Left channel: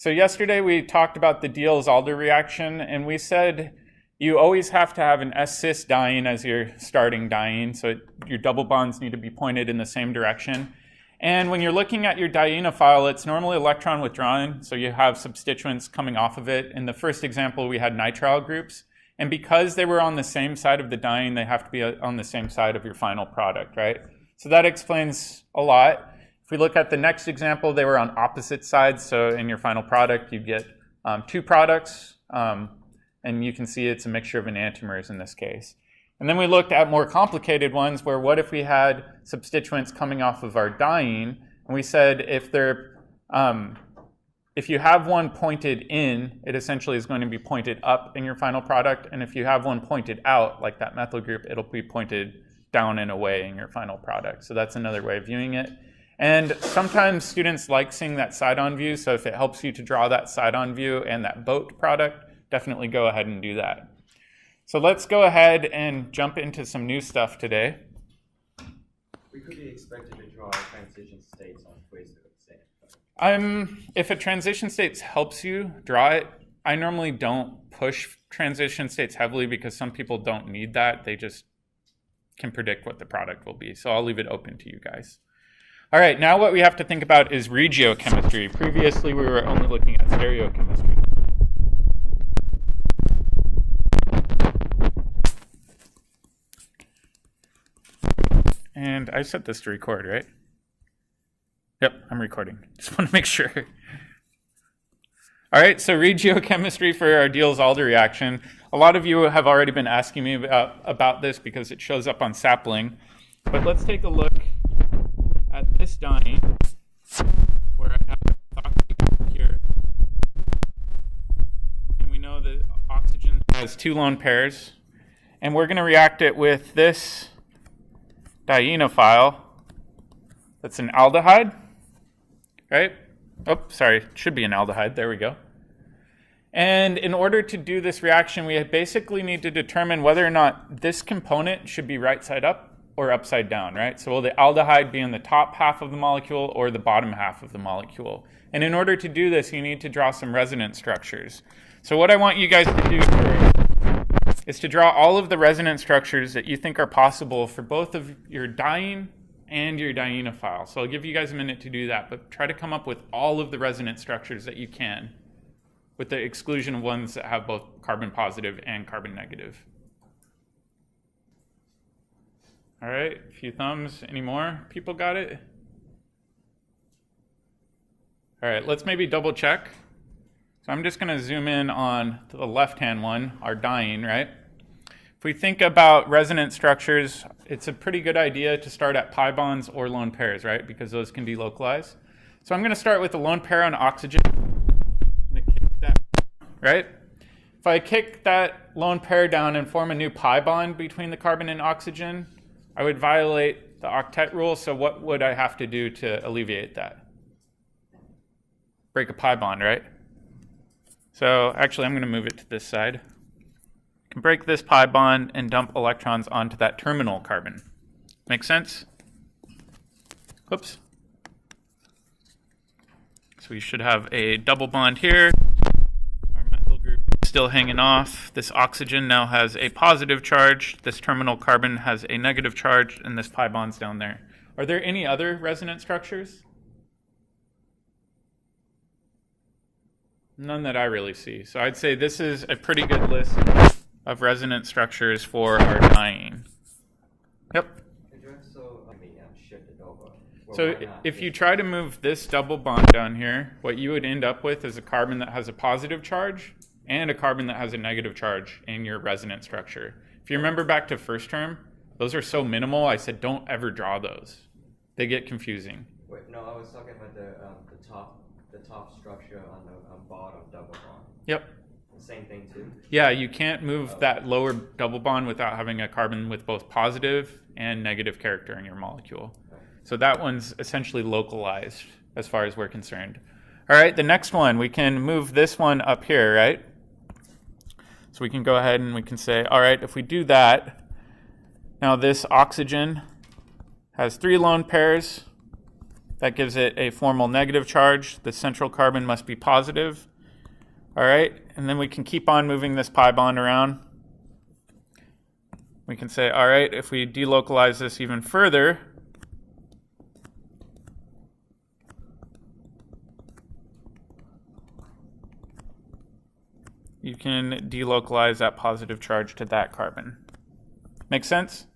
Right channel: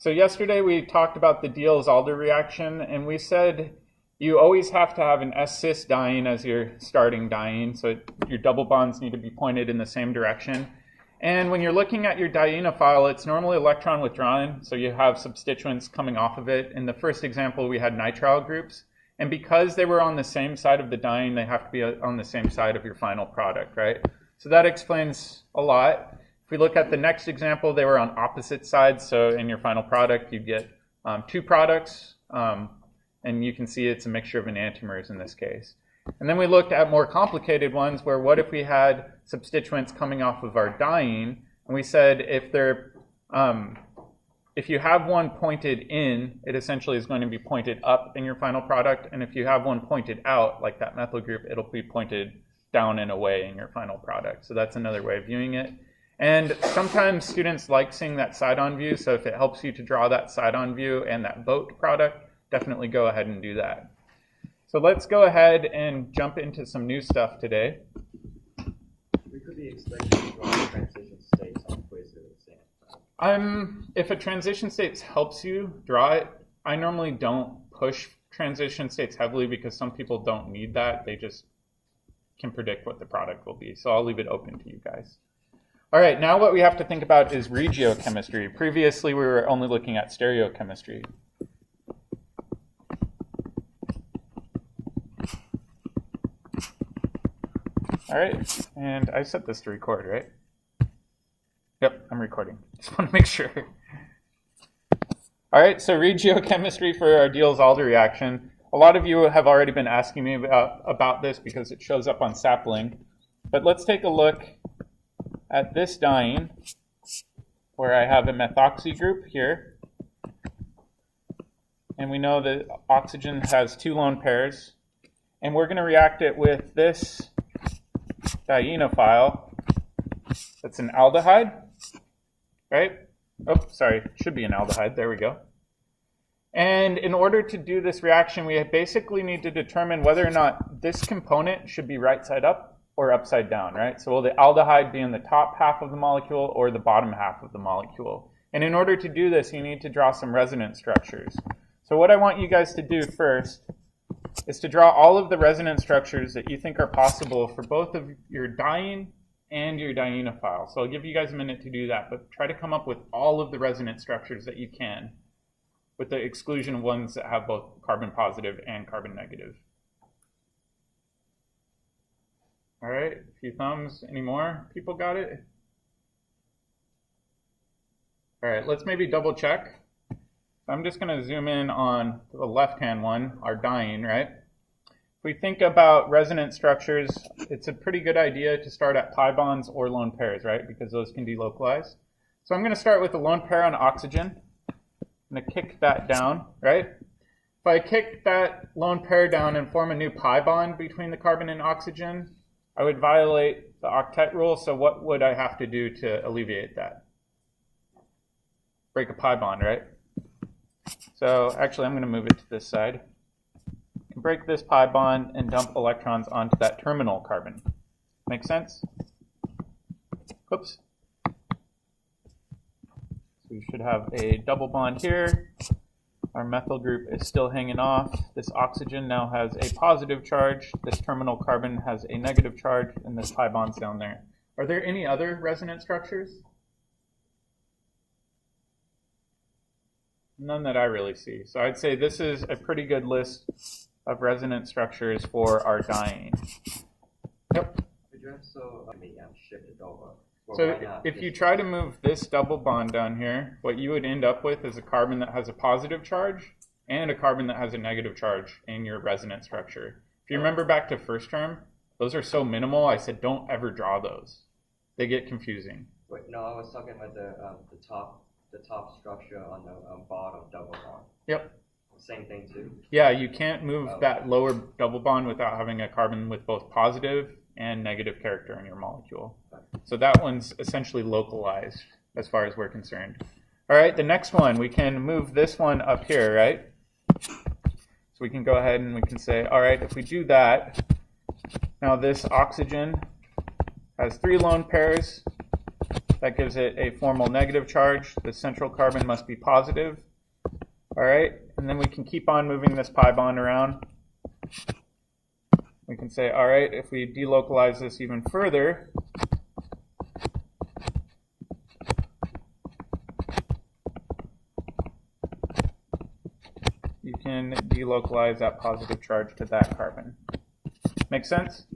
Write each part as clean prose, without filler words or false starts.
So yesterday we talked about the Diels Alder reaction, and we said you always have to have an S-cis diene as your starting diene, so your double bonds need to be pointed in the same direction. And when you're looking at your dienophile, it's normally electron withdrawing, so you have substituents coming off of it. In the first example, we had nitrile groups, and because they were on the same side of the diene, they have to be on the same side of your final product, right? So that explains a lot. If we look at the next example, they were on opposite sides, so in your final product, you get two products, and you can see it's a mixture of enantiomers in this case. And then we looked at more complicated ones where what if we had substituents coming off of our diene, and we said if you have one pointed in, it essentially is going to be pointed up in your final product, and if you have one pointed out, like that methyl group, it'll be pointed down and away in your final product. So that's another way of viewing it. And sometimes students like seeing that side-on view, so if it helps you to draw that side-on view and that boat product, definitely go ahead and do that. So let's go ahead and jump into some new stuff today. We could be expected to draw transition states on Fraser exam. If a transition states helps you draw it, I normally don't push transition states heavily because some people don't need that. They just can predict what the product will be. So I'll leave it open to you guys. All right, now what we have to think about is regiochemistry. Previously, we were only looking at stereochemistry. All right, and I set this to record, right? Yep, I'm recording. Just want to make sure. All right, so regiochemistry for our Diels Alder reaction. A lot of you have already been asking me about this because it shows up on sapling. But let's take a look at this diene where I have a methoxy group here. And we know that oxygen has two lone pairs. And we're going to react it with this dienophile. That's an aldehyde, right? Oh, sorry, it should be an aldehyde. There we go. And in order to do this reaction, we basically need to determine whether or not this component should be right side up or upside down, right? So will the aldehyde be in the top half of the molecule or the bottom half of the molecule? And in order to do this, you need to draw some resonance structures. So what I want you guys to do first is to draw all of the resonance structures that you think are possible for both of your diene and your dienophile. So I'll give you guys a minute to do that, but try to come up with all of the resonance structures that you can, with the exclusion of ones that have both carbon positive and carbon negative. All right, a few thumbs. Any more people got it? All right, let's maybe double check. So I'm just going to zoom in on the left-hand one, our diene, right? If we think about resonance structures, it's a pretty good idea to start at pi bonds or lone pairs, right? Because those can delocalize. So I'm going to start with the lone pair on oxygen. I'm going to kick that down, right? If I kick that lone pair down and form a new pi bond between the carbon and oxygen, I would violate the octet rule. So what would I have to do to alleviate that? Break a pi bond, right? So actually, I'm going to move it to this side. I can break this pi bond and dump electrons onto that terminal carbon. Make sense? Oops. So we should have a double bond here. Our methyl group is still hanging off. This oxygen now has a positive charge. This terminal carbon has a negative charge, and this pi bond's down there. Are there any other resonance structures? None that I really see. So I'd say this is a pretty good list of resonance structures for our diene. Yep. So if you try to move this double bond down here, what you would end up with is a carbon that has a positive charge and a carbon that has a negative charge in your resonance structure. If you remember back to first term, those are so minimal, I said don't ever draw those. They get confusing. Wait, no, I was talking about the top structure on the bottom double bond. Yep. Same thing too? Yeah, you can't move that lower double bond without having a carbon with both positive and negative character in your molecule. Okay. So that one's essentially localized as far as we're concerned. All right, the next one, we can move this one up here, right? So we can go ahead and we can say, all right, if we do that, now this oxygen has 3 lone pairs That gives it a formal negative charge. The central carbon must be positive. All right, and then we can keep on moving this pi bond around. We can say, all right, if we delocalize this even further, you can delocalize that positive charge to that carbon. Make sense?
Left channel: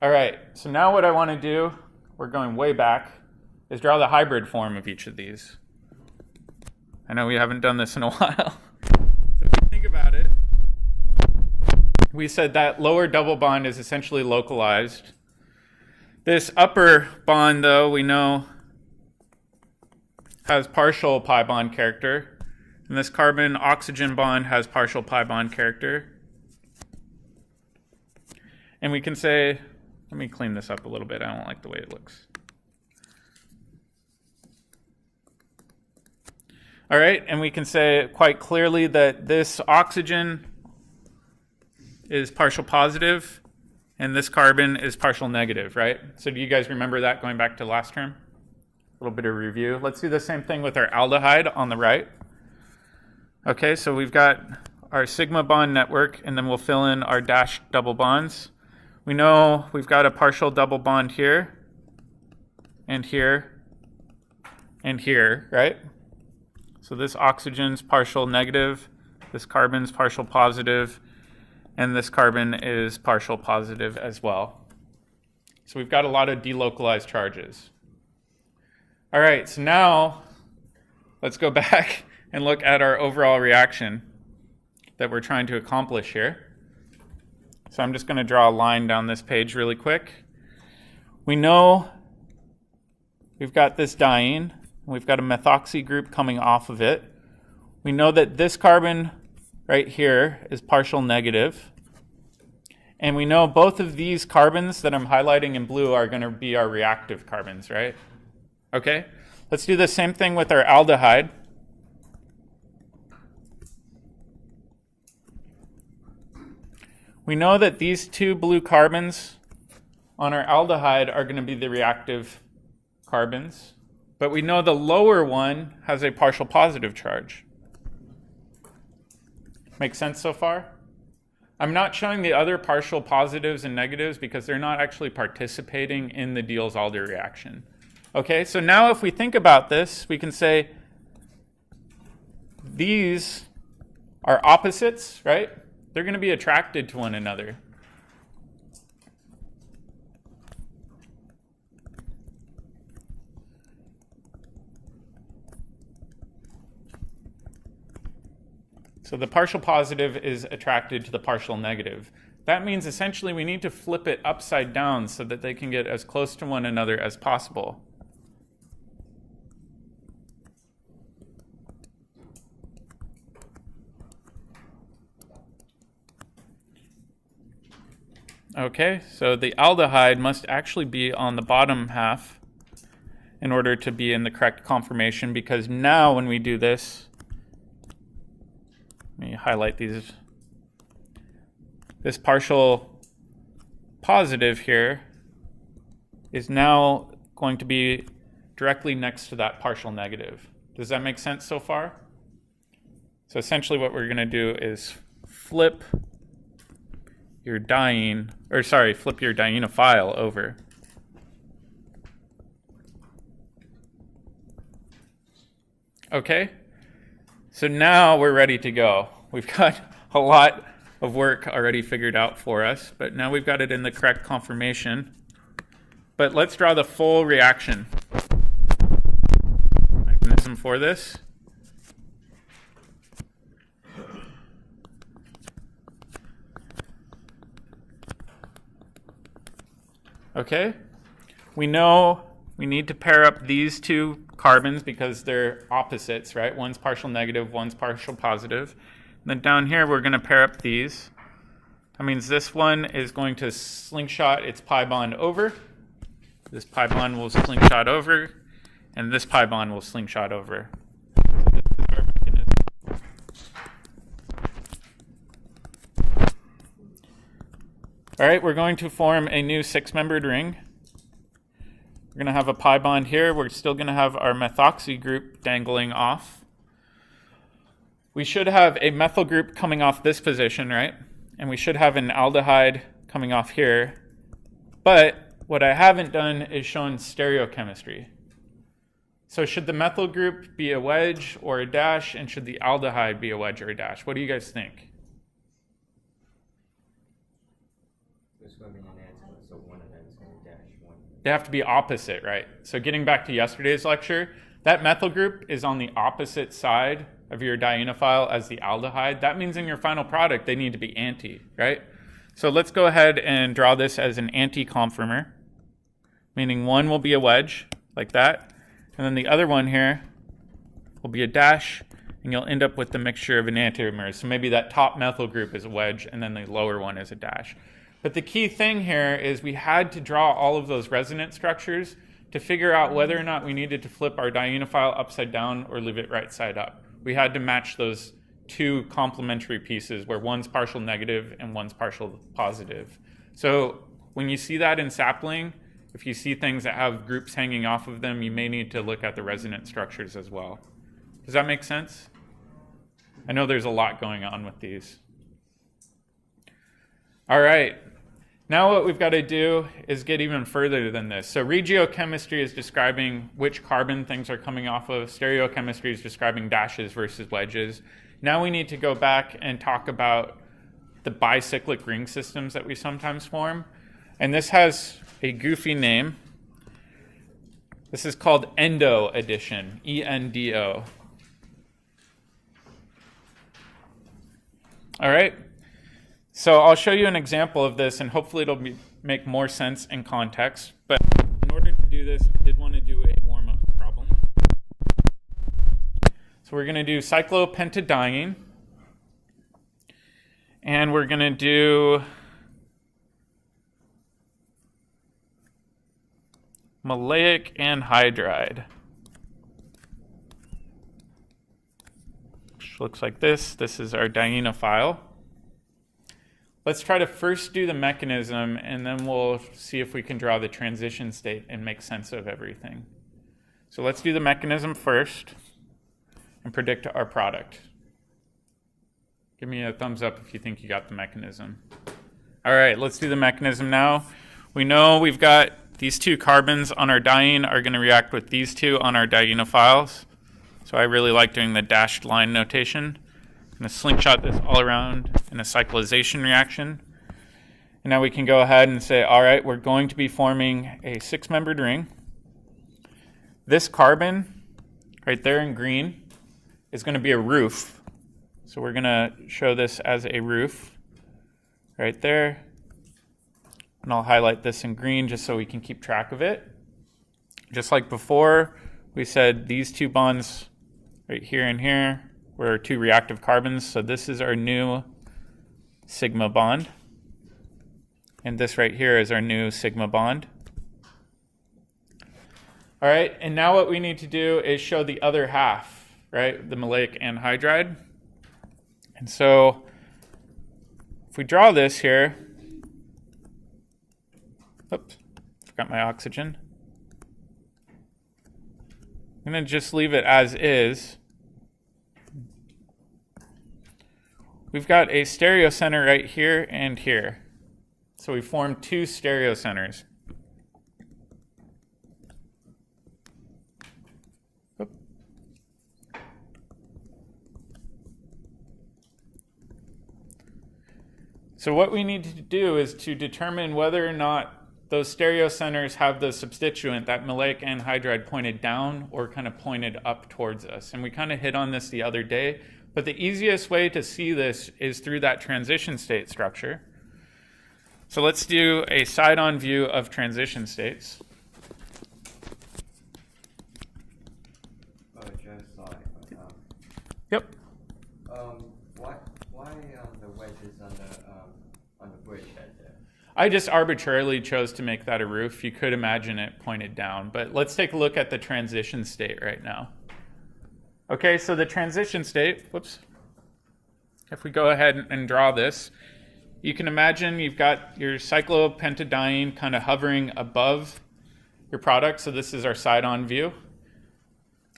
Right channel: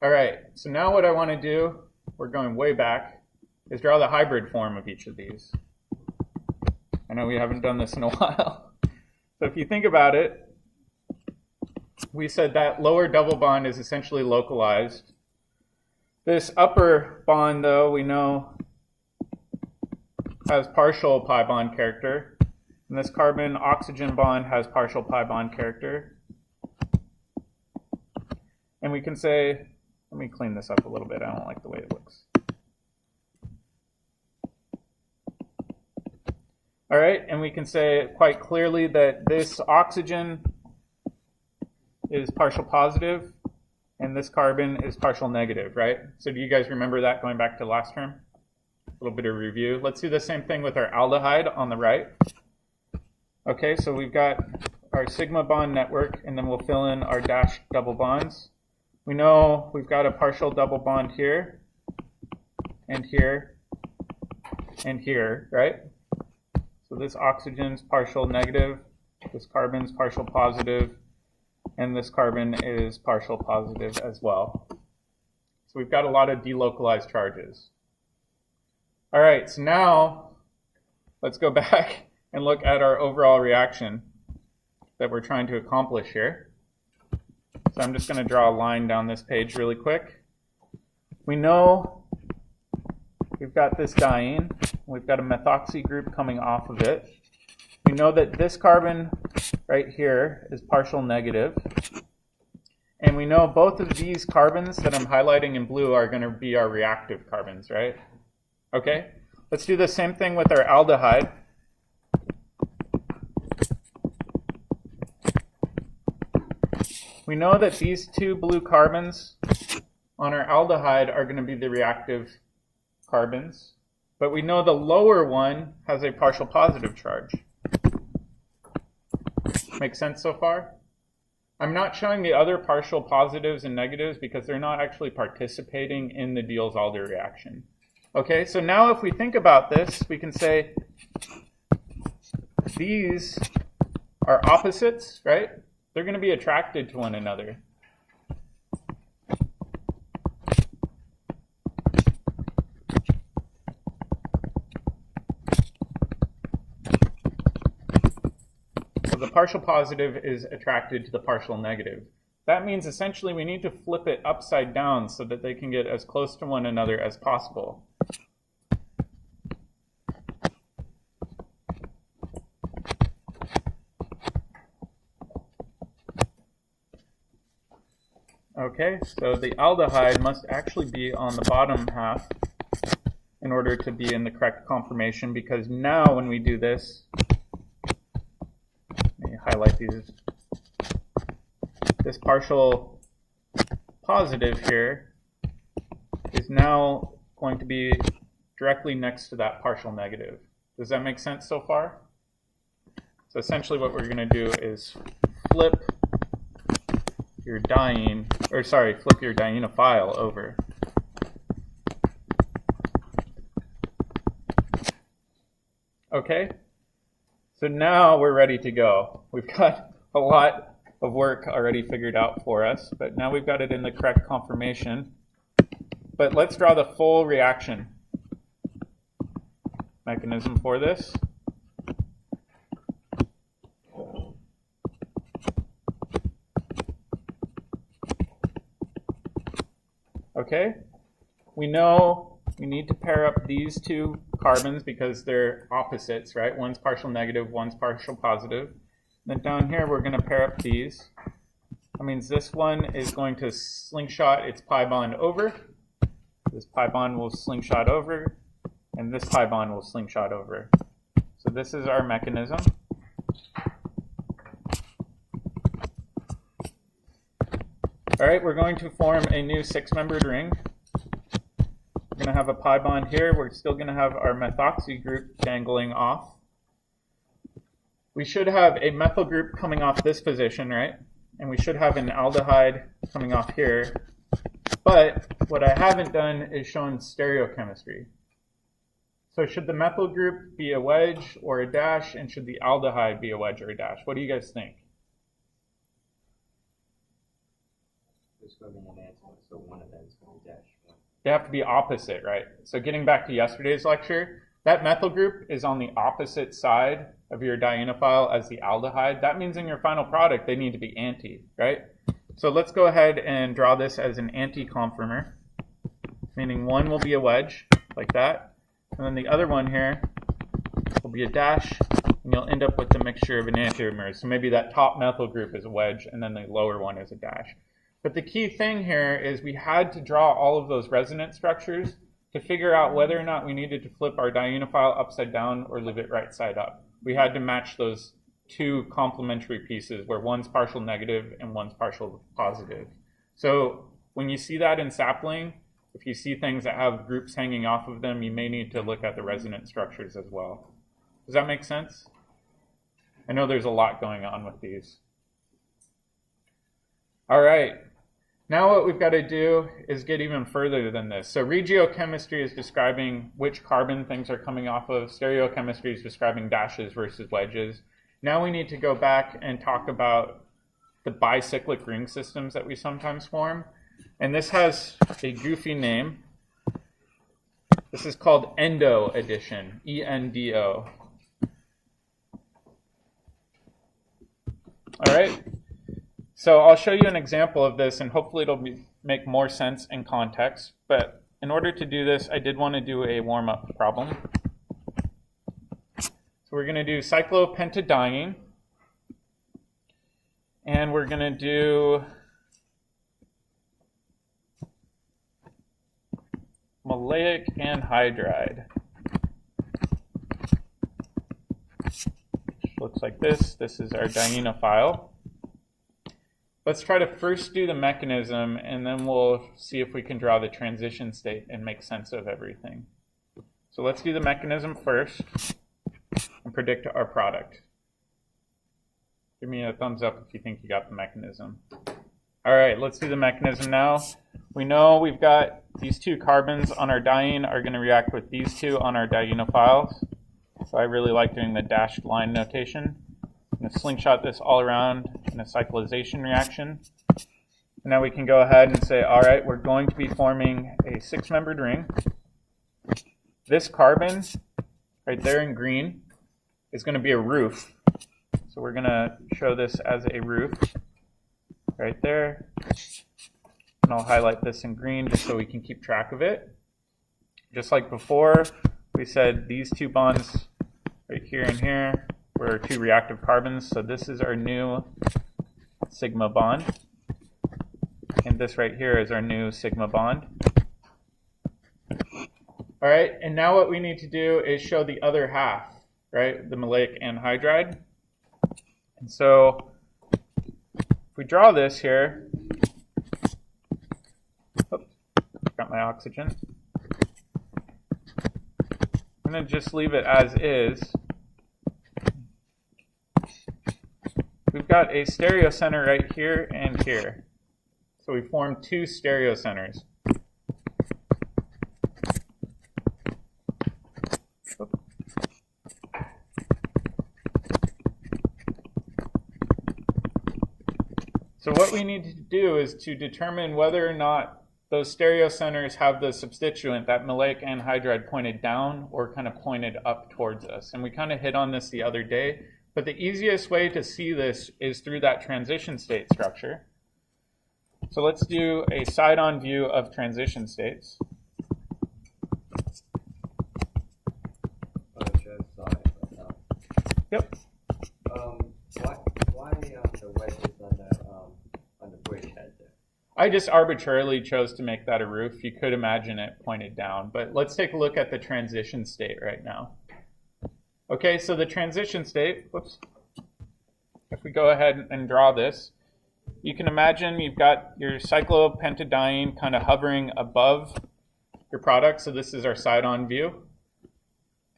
All right, so now what I want to do, we're going way back, is draw the hybrid form of each of these. I know we haven't done this in a while. So if you think about it, we said that lower double bond is essentially localized. This upper bond, though, we know has partial pi bond character. And this carbon-oxygen bond has partial pi bond character. And we can say, let me clean this up a little bit. I don't like the way it looks. All right, and we can say quite clearly that this oxygen is partial positive, and this carbon is partial negative, right? So do you guys remember that going back to last term? A little bit of review. Let's do the same thing with our aldehyde on the right. Okay, so we've got our sigma bond network, and then we'll fill in our dashed double bonds. We know we've got a partial double bond here, and here, and here, right? So this oxygen's partial negative, this carbon's partial positive, and this carbon is partial positive as well. So we've got a lot of delocalized charges. All right, so now let's go back and look at our overall reaction that we're trying to accomplish here. So I'm just going to draw a line down this page really quick. We know we've got this diene. We've got a methoxy group coming off of it. We know that this carbon right here is partial negative. And we know both of these carbons that I'm highlighting in blue are going to be our reactive carbons, right? Okay, let's do the same thing with our aldehyde. We know that these two blue carbons on our aldehyde are going to be the reactive carbons, but we know the lower one has a partial positive charge. Make sense so far? I'm not showing the other partial positives and negatives because they're not actually participating in the Diels Alder reaction. Okay, so now if we think about this, we can say these are opposites, right? They're going to be attracted to one another. So the partial positive is attracted to the partial negative. That means essentially we need to flip it upside down so that they can get as close to one another as possible. Okay, so the aldehyde must actually be on the bottom half in order to be in the correct conformation, because now when we do this, let me highlight these. This partial positive here is now going to be directly next to that partial negative. Does that make sense so far? So essentially what we're going to do is flip your diene, or sorry, flip your dienophile over. Okay, so now we're ready to go. We've got a lot of work already figured out for us, but now we've got it in the correct conformation. But let's draw the full reaction mechanism for this. Okay, we know we need to pair up these two carbons because they're opposites, right? One's partial negative, one's partial positive. And then down here, we're going to pair up these. That means this one is going to slingshot its pi bond over. This pi bond will slingshot over, and this pi bond will slingshot over. So this is our mechanism. All right, we're going to form a new 6-membered ring. We're going to have a pi bond here. We're still going to have our methoxy group dangling off. We should have a methyl group coming off this position, right? And we should have an aldehyde coming off here. But what I haven't done is shown stereochemistry. So should the methyl group be a wedge or a dash, and should the aldehyde be a wedge or a dash? What do you guys think? There's going to be an answer, so one of them is going to dash one. They have to be opposite, right? So getting back to yesterday's lecture, that methyl group is on the opposite side of your dienophile as the aldehyde. That means in your final product, they need to be anti, right? So let's go ahead and draw this as an anti-conformer, meaning one will be a wedge, like that. And then the other one here will be a dash, and you'll end up with the mixture of enantiomers. So maybe that top methyl group is a wedge, and then the lower one is a dash. But the key thing here is we had to draw all of those resonance structures to figure out whether or not we needed to flip our dienophile upside down or leave it right side up. We had to match those two complementary pieces where one's partial negative and one's partial positive. So when you see that in sapling, if you see things that have groups hanging off of them, you may need to look at the resonance structures as well. Does that make sense? I know there's a lot going on with these. All right. Now what we've got to do is get even further than this. So regiochemistry is describing which carbon things are coming off of. Stereochemistry is describing dashes versus wedges. Now we need to go back and talk about the bicyclic ring systems that we sometimes form. And this has a goofy name. This is called Endo addition, E-N-D-O. All right. So I'll show you an example of this, and hopefully it'll make more sense in context. But in order to do this, I did want to do a warm-up problem. So we're going to do cyclopentadiene, and we're going to do maleic anhydride, which looks like this. This is our dienophile. Let's try to first do the mechanism, and then we'll see if we can draw the transition state and make sense of everything. So let's do the mechanism first and predict our product. Give me a thumbs up if you think you got the mechanism. All right, let's do the mechanism now. We know we've got these two carbons on our diene are going to react with these two on our dienophiles. So I really like doing the dashed line notation. I'm going to slingshot this all around in a cyclization reaction. And now we can go ahead and say, all right, we're going to be forming a six-membered ring. This carbon right there in green is going to be a roof. So we're going to show this as a roof right there. And I'll highlight this in green just so we can keep track of it. Just like before, we said these two bonds right here and here were two reactive carbons. So this is our new sigma bond. And this right here is our new sigma bond. All right, and now what we need to do is show the other half, right? The maleic anhydride. And so if we draw this here, oops, forgot my oxygen. I'm going to just leave it as is. We've got a stereocenter right here and here. So we form two stereocenters. So what we need to do is to determine whether or not those stereocenters have the substituent, that maleic anhydride, pointed down or kind of pointed up towards us. And we kind of hit on this the other day, but the easiest way to see this is through that transition state structure. So let's do a side-on view of transition states. Yep. Why the wedges on the bridge head there? I just arbitrarily chose to make that a roof. You could imagine it pointed down, but let's take a look at the transition state right now. Okay, so the transition state, whoops. If we go ahead and draw this, you can imagine you've got your cyclopentadiene kind of hovering above your product. So this is our side-on view.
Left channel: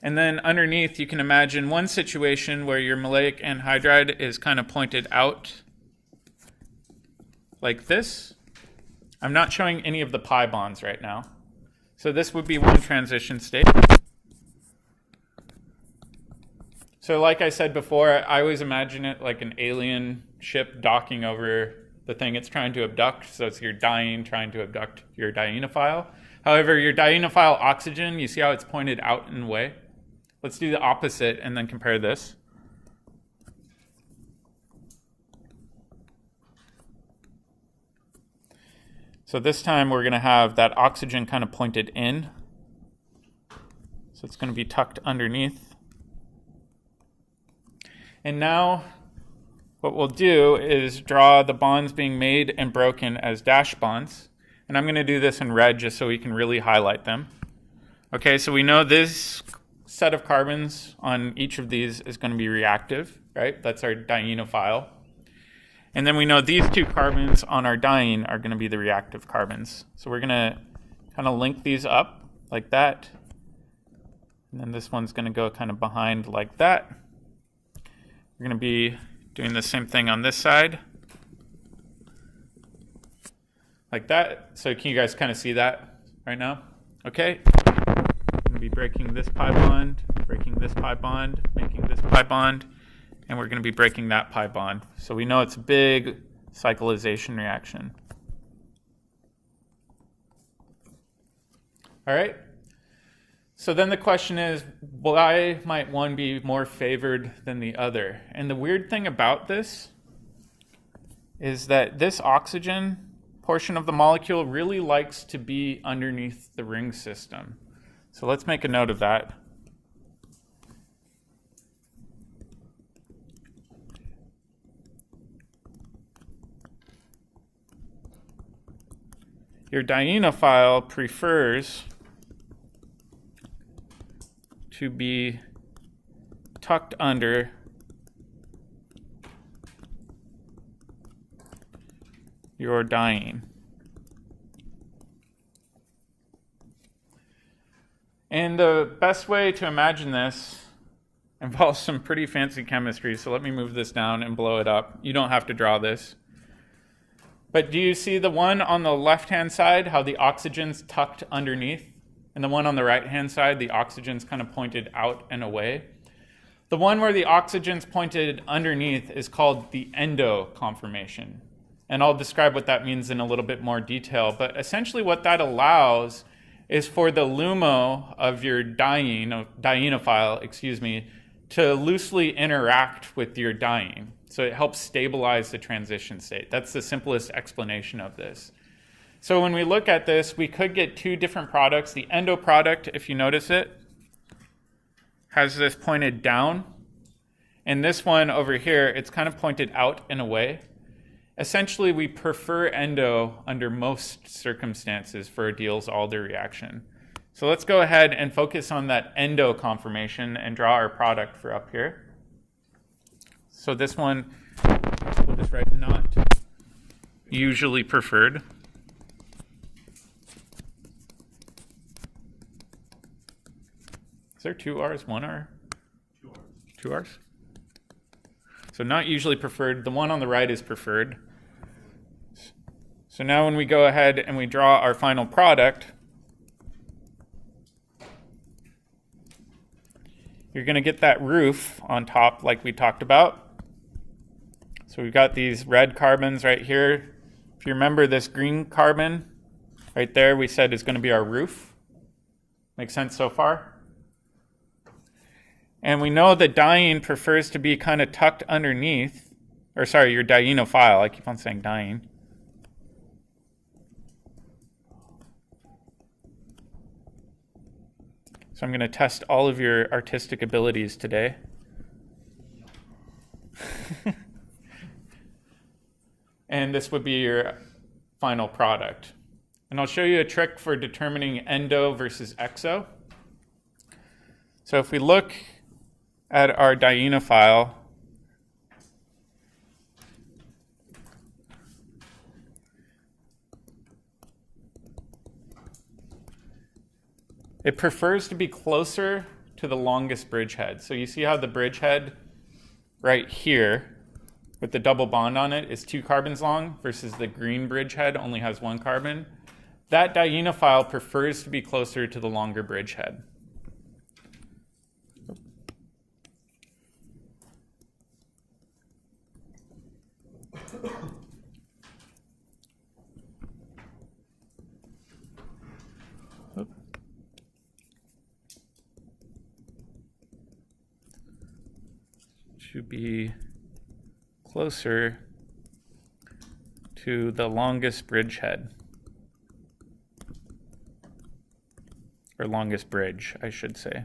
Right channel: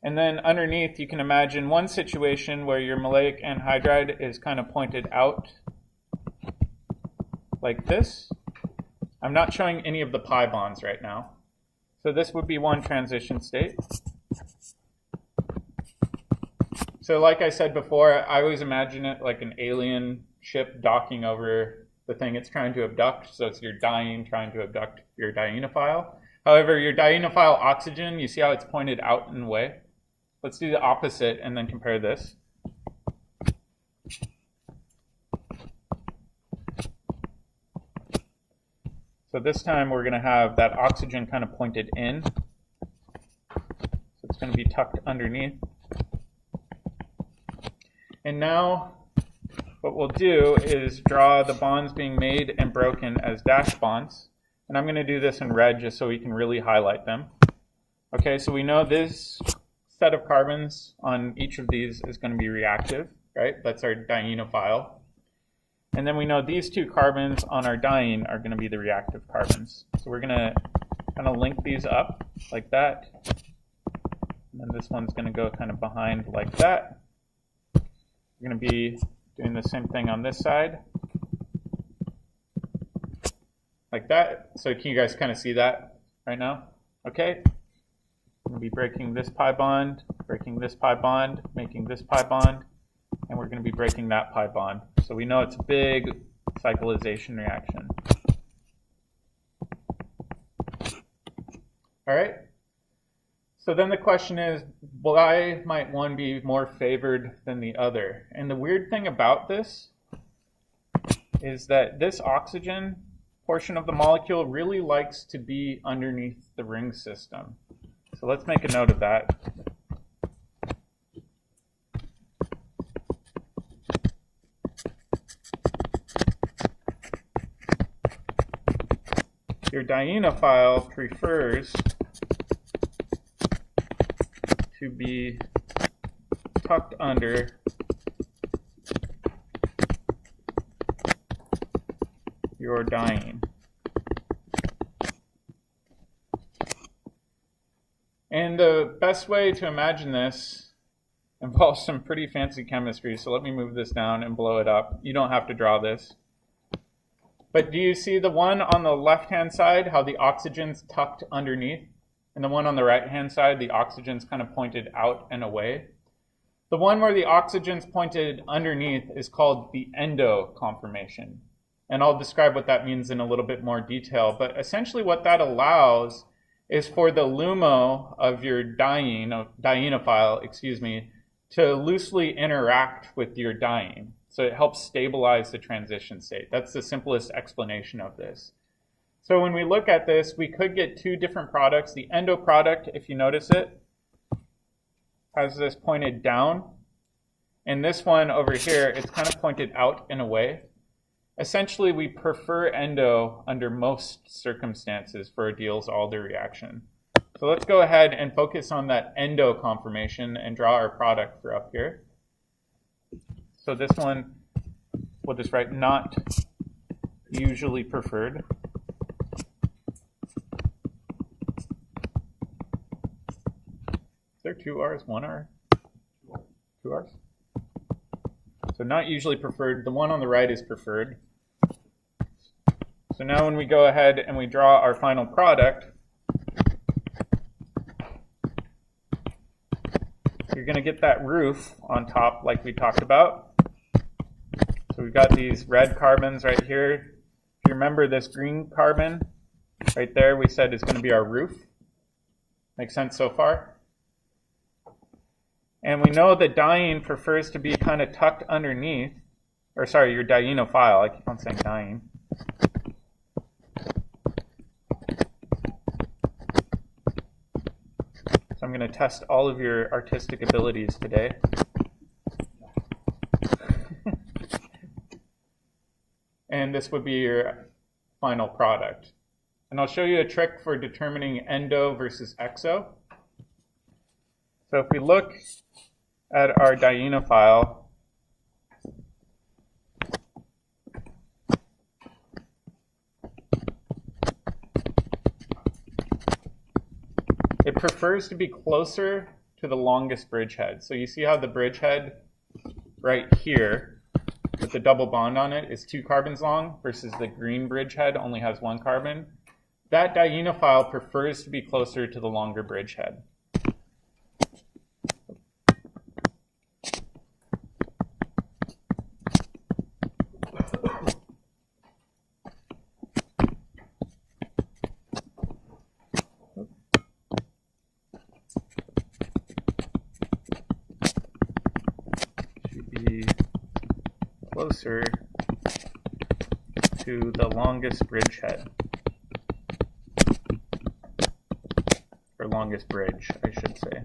And then underneath, you can imagine one situation where your maleic anhydride is kind of pointed out like this. I'm not showing any of the pi bonds right now. So this would be one transition state. So like I said before, I always imagine it like an alien ship docking over the thing it's trying to abduct. So it's your diene trying to abduct your dienophile. However, your dienophile oxygen, you see how it's pointed out and away? Let's do the opposite and then compare this. So this time we're going to have that oxygen kind of pointed in. So it's going to be tucked underneath. And now what we'll do is draw the bonds being made and broken as dash bonds. And I'm going to do this in red just so we can really highlight them. Okay, so we know this set of carbons on each of these is going to be reactive, right? That's our dienophile. And then we know these two carbons on our diene are going to be the reactive carbons. So we're going to kind of link these up like that. And then this one's going to go kind of behind like that. We're going to be doing the same thing on this side. Like that. So can you guys kind of see that right now? Okay. Going to be breaking this pi bond, breaking this pi bond, making this pi bond, and we're going to be breaking that pi bond. So we know it's a big cyclization reaction. All right. So then the question is, why might one be more favored than the other? And the weird thing about this is that this oxygen portion of the molecule really likes to be underneath the ring system. So let's make a note of that. Your dienophile prefers to be tucked under your diene. And the best way to imagine this involves some pretty fancy chemistry, so let me move this down and blow it up. You don't have to draw this. But do you see the one on the left-hand side, how the oxygen's tucked underneath? And the one on the right-hand side, the oxygen's kind of pointed out and away? The one where the oxygen's pointed underneath is called the Endo Conformation. And I'll describe what that means in a little bit more detail. But essentially what that allows is for the LUMO of your dienophile, to loosely interact with your diene. So it helps stabilize the transition state. That's the simplest explanation of this. So when we look at this, we could get two different products. The endo product, if you notice it, has this pointed down. And this one over here, it's kind of pointed out and away. Essentially, we prefer endo under most circumstances for a Diels Alder reaction. So let's go ahead and focus on that endo conformation and draw our product for up here. So this one, we'll just write not usually preferred. Is there two R's, one R? Two R's. Two R's? So not usually preferred. The one on the right is preferred. So now when we go ahead and we draw our final product, you're going to get that roof on top like we talked about. So we've got these red carbons right here. If you remember, this green carbon right there, we said is going to be our roof. Make sense so far? And we know that diene prefers to be kind of tucked underneath, or sorry, your dienophile. I keep on saying diene. So I'm going to test all of your artistic abilities today. And this would be your final product. And I'll show you a trick for determining endo versus exo. So if we look at our dienophile, It prefers to be closer to the longest bridgehead. So you see how the bridgehead right here with the double bond on it is 2 carbons long versus the green bridgehead only has 1 carbon. That dienophile prefers to be closer to the longer bridgehead. Be closer to the longest bridgehead, or longest bridge, I should say.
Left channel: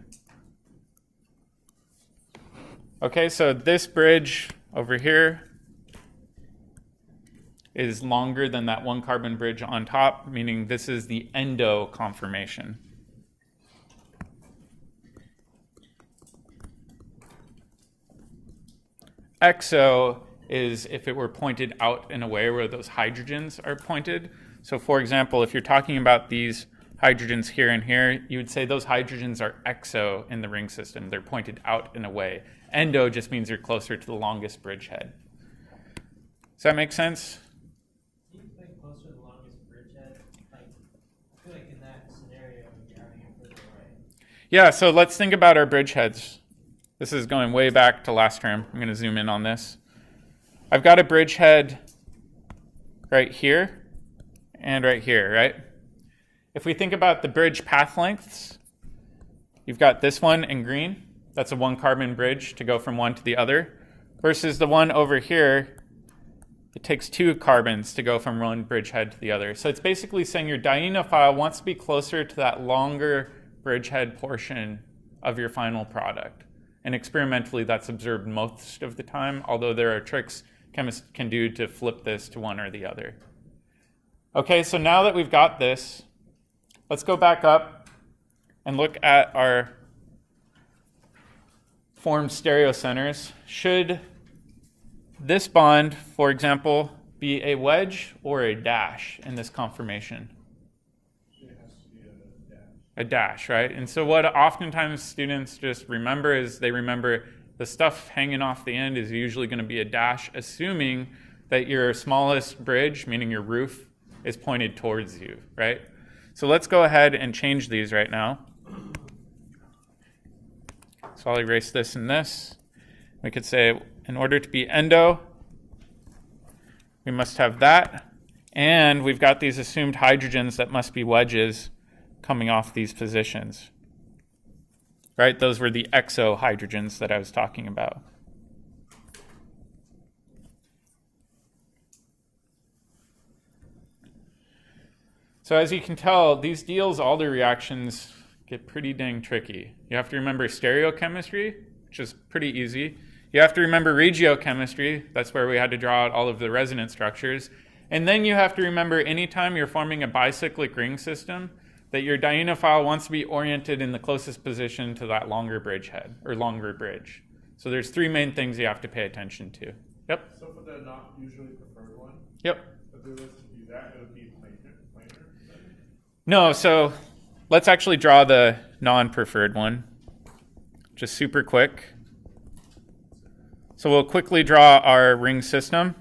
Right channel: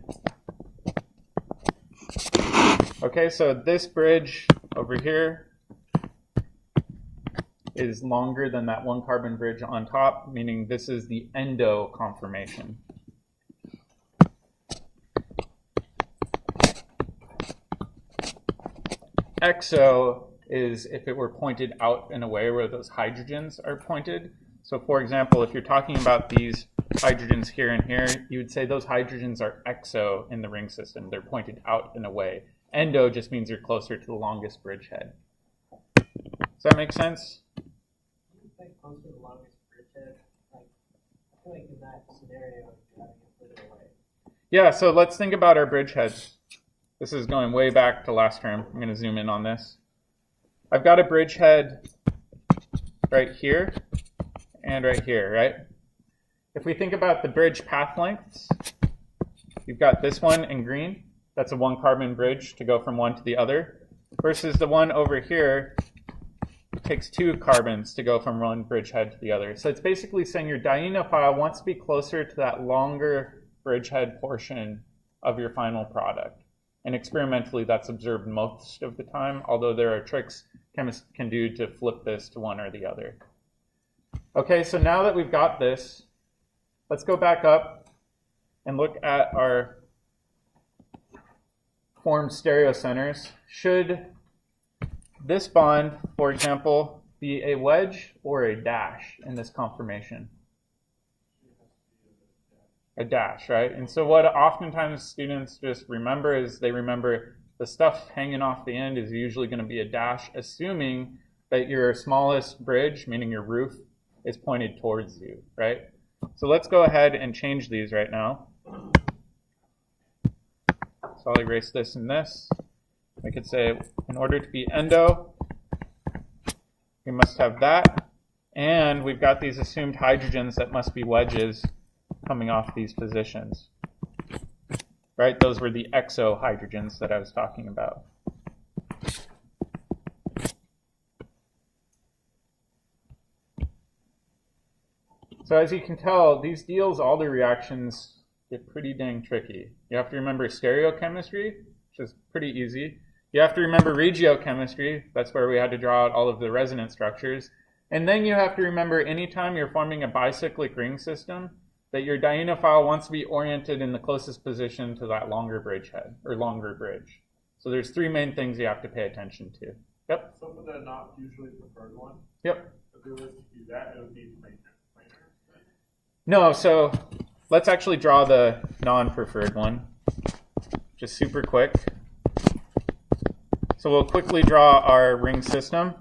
Okay, so this bridge over here is longer than that 1 carbon bridge on top, meaning this is the endo conformation. Exo is if it were pointed out in a way where those hydrogens are pointed. So for example, if you're talking about these hydrogens here and here, you would say those hydrogens are exo in the ring system. They're pointed out in a way. Endo just means you're closer to the longest bridgehead. Does that make sense? Do you think closer to the longest bridgehead? Like, I feel like in that scenario, you're having it further away. Yeah, so let's think about our bridgeheads. This is going way back to last term. I'm going to zoom in on this. I've got a bridgehead right here and right here, right? If we think about the bridge path lengths, you've got this one in green. That's a 1 carbon bridge to go from one to the other. Versus the one over here, it takes 2 carbons to go from one bridgehead to the other. So it's basically saying your dienophile wants to be closer to that longer bridgehead portion of your final product. And experimentally, that's observed most of the time, although there are tricks chemists can do to flip this to one or the other. Okay, so now that we've got this, let's go back up and look at our formed stereocenters. Should this bond, for example, be a wedge or a dash in this conformation? A dash, right? And so what oftentimes students just remember is they remember the stuff hanging off the end is usually going to be a dash, assuming that your smallest bridge, meaning your roof, is pointed towards you, right? So let's go ahead and change these right now. So I'll erase this and this. We could say, in order to be endo, we must have that. And we've got these assumed hydrogens that must be wedges coming off these positions, right? Those were the exo hydrogens that I was talking about. So as you can tell, these Diels Alder reactions get pretty dang tricky. You have to remember stereochemistry, which is pretty easy. You have to remember regiochemistry. That's where we had to draw out all of the resonance structures. And then you have to remember anytime you're forming a bicyclic ring system, that your dienophile wants to be oriented in the closest position to that longer bridgehead, or longer bridge. So there's 3 main things you have to pay attention to. Yep? So for the not usually preferred one? Yep. If we were to do that, it would be planar then? No, so let's actually draw the non-preferred one. Just super quick. So we'll quickly draw our ring system.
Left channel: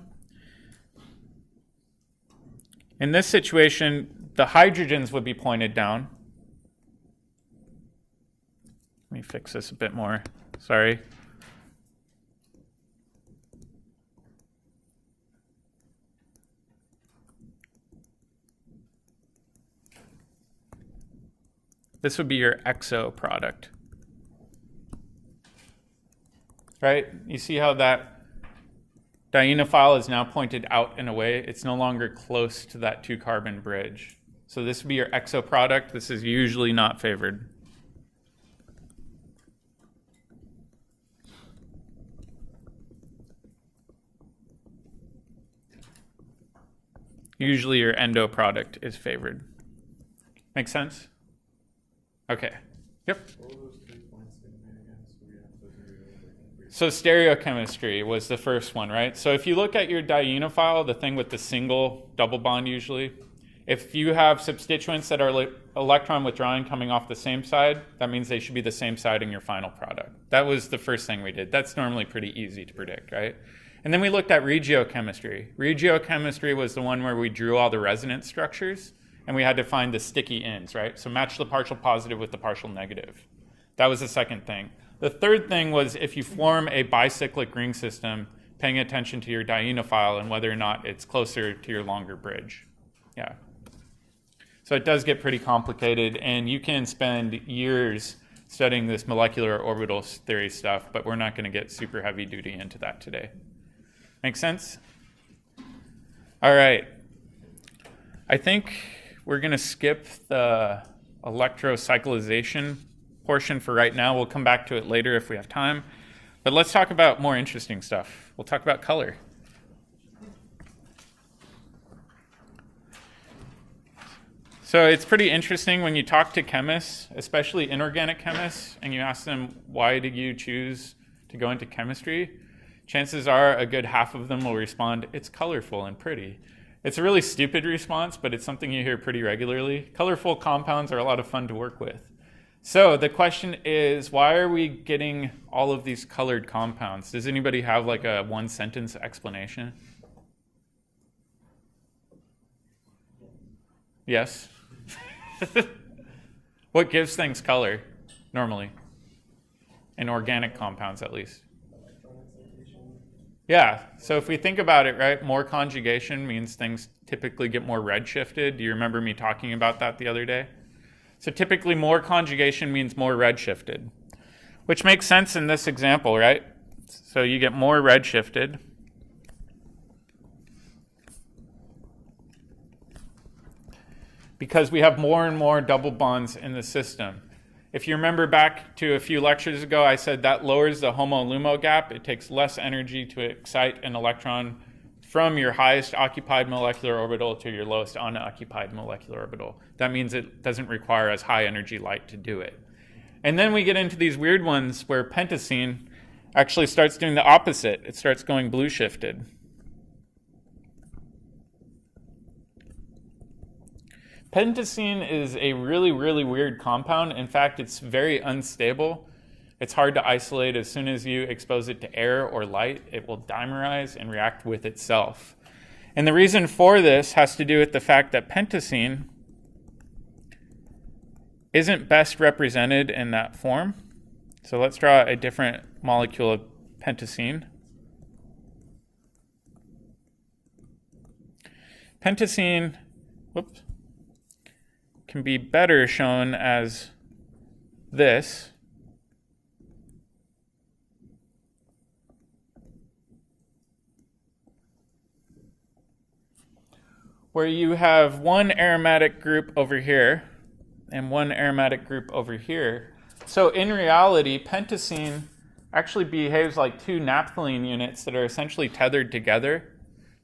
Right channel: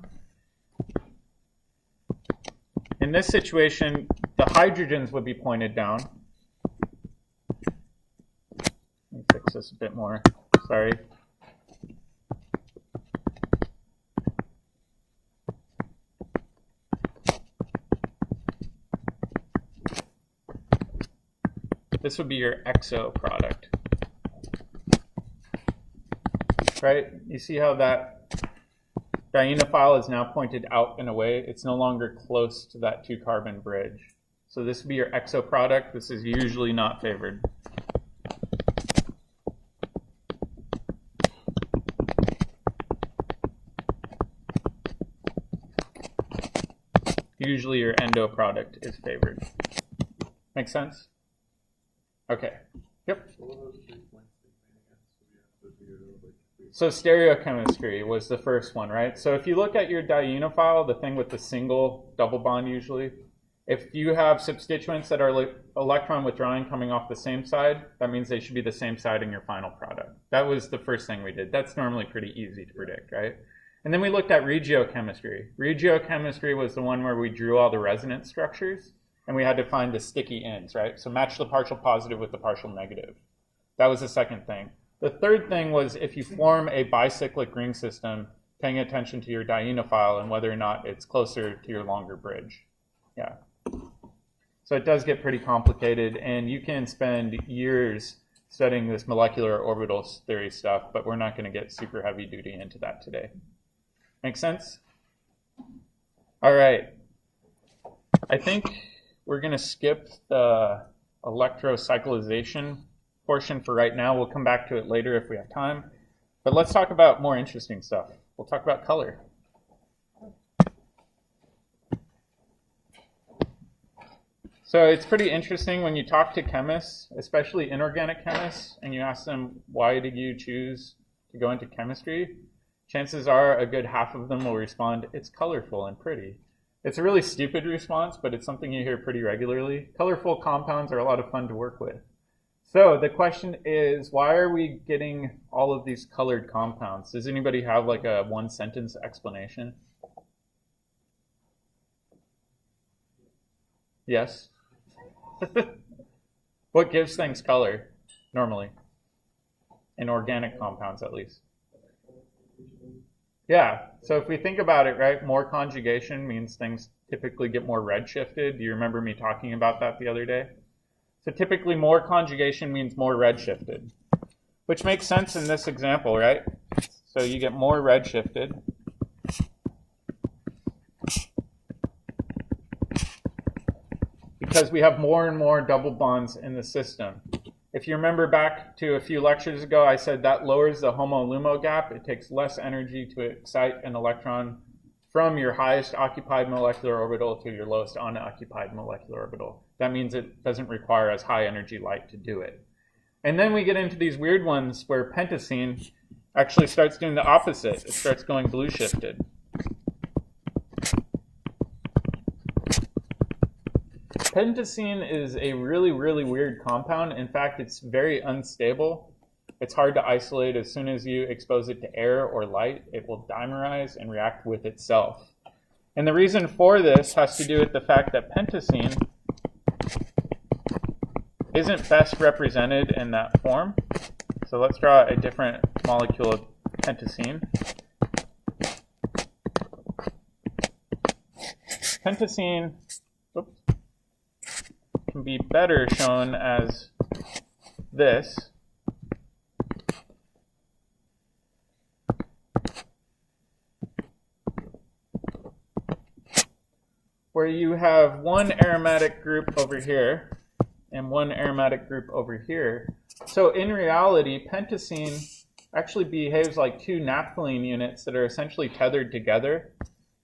In this situation, the hydrogens would be pointed down. Let me fix this a bit more. Sorry. This would be your exo product. Right? You see how that dienophile is now pointed out in a way. It's no longer close to that 2 carbon bridge. So this would be your exo product. This is usually not favored. Usually your endo product is favored. Make sense? Okay. Yep. What were those 3 points again? So we have to do So stereochemistry was the first one, right? So if you look at your dienophile, the thing with the single double bond usually, If you have substituents that are electron withdrawing coming off the same side, that means they should be the same side in your final product. That was the first thing we did. That's normally pretty easy to predict, right? And then we looked at regiochemistry. Regiochemistry was the one where we drew all the resonance structures, and we had to find the sticky ends, right? So match the partial positive with the partial negative. That was the second thing. The third thing was if you form a bicyclic ring system, paying attention to your dienophile and whether or not it's closer to your longer bridge. Yeah. So it does get pretty complicated, and you can spend years studying this molecular orbital theory stuff, but we're not going to get super heavy duty into that today. Make sense? All right. I think we're going to skip the electrocyclization portion for right now. We'll come back to it later if we have time. But let's talk about more interesting stuff. We'll talk about color. So it's pretty interesting when you talk to chemists, especially inorganic chemists, and you ask them, why did you choose to go into chemistry? Chances are a good half of them will respond, it's colorful and pretty. It's a really stupid response, but it's something you hear pretty regularly. Colorful compounds are a lot of fun to work with. So the question is, why are we getting all of these colored compounds? Does anybody have like a one-sentence explanation? Yes? What gives things color, normally? In organic compounds, at least. Yeah, so if we think about it, right, more conjugation means things typically get more redshifted. Do you remember me talking about that the other day? So typically more conjugation means more redshifted, which makes sense in this example, right? So you get more redshifted. Because we have more and more double bonds in the system. If you remember back to a few lectures ago, I said that lowers the HOMO-LUMO gap. It takes less energy to excite an electron from your highest occupied molecular orbital to your lowest unoccupied molecular orbital. That means it doesn't require as high energy light to do it. And then we get into these weird ones where pentacene actually starts doing the opposite. It starts going blue shifted. Pentacene is a really, really weird compound. In fact, it's very unstable. It's hard to isolate. As soon as you expose it to air or light, it will dimerize and react with itself. And the reason for this has to do with the fact that pentacene isn't best represented in that form. So let's draw a different molecule of pentacene. Pentacene, whoops, can be better shown as this. Where you have one aromatic group over here and one aromatic group over here. So in reality, pentacene actually behaves like two naphthalene units that are essentially tethered together